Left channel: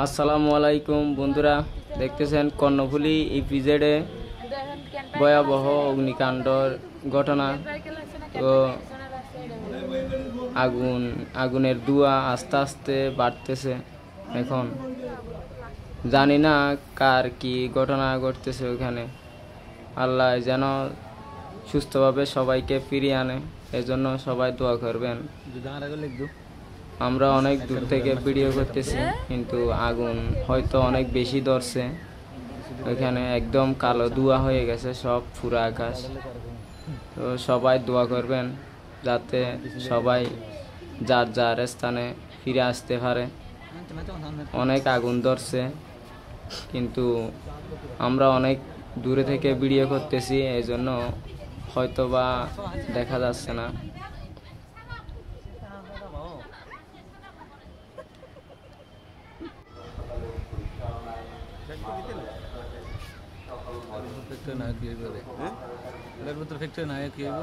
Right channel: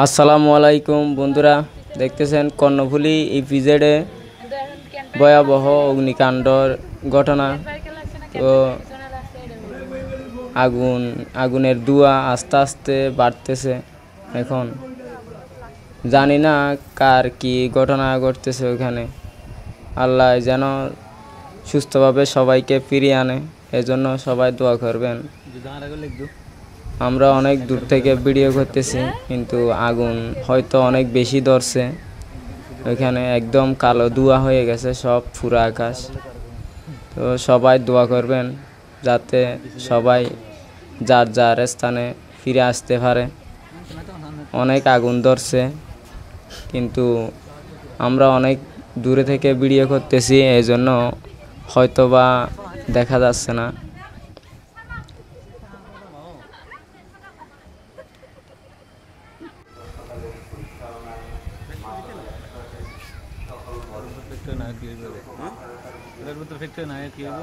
আসসালামু আলাইকুম বন্ধুরা, দেখতেছেন কর্ণফুলী ইপিজেডে ভয়াবহ অগ্নিকাণ্ডর ঘটনা। তো আগুনের ধোঁয়া আস্তে আস্তে বাড়তেছে। এখন জানি না কার কি ঘটনা ঘটতেছে ওখানে। আল্লাহ যেন সুস্থভাবে সবাইকে ফিরিয়ে আনে, এজন্য সবাই দোয়া করবেন। আমরা অনেক দূর থেকে ভিডিও করতেছি, কিন্তু আগুন হয়তো অনেক বেশি ধরছে। ওইখানে একদম কালো ধোঁয়া হয়ে গেছে সব পুরো আকাশ। তো সবাই দোয়া করবেন যাতে সবাই যার যার স্থানে ফিরে আসতে পারে। অনেক আগুন ধরছে, কিন্তু আমরা অনেক দূরে থেকে ভিডিও করতেছি, এই জন্য হয়তো বা দেখা যাচ্ছে না। ফ্যাক্টরি না কি হইবে হ্যাঁ এটার ভিতর ফ্যাক্টরি না কি হইব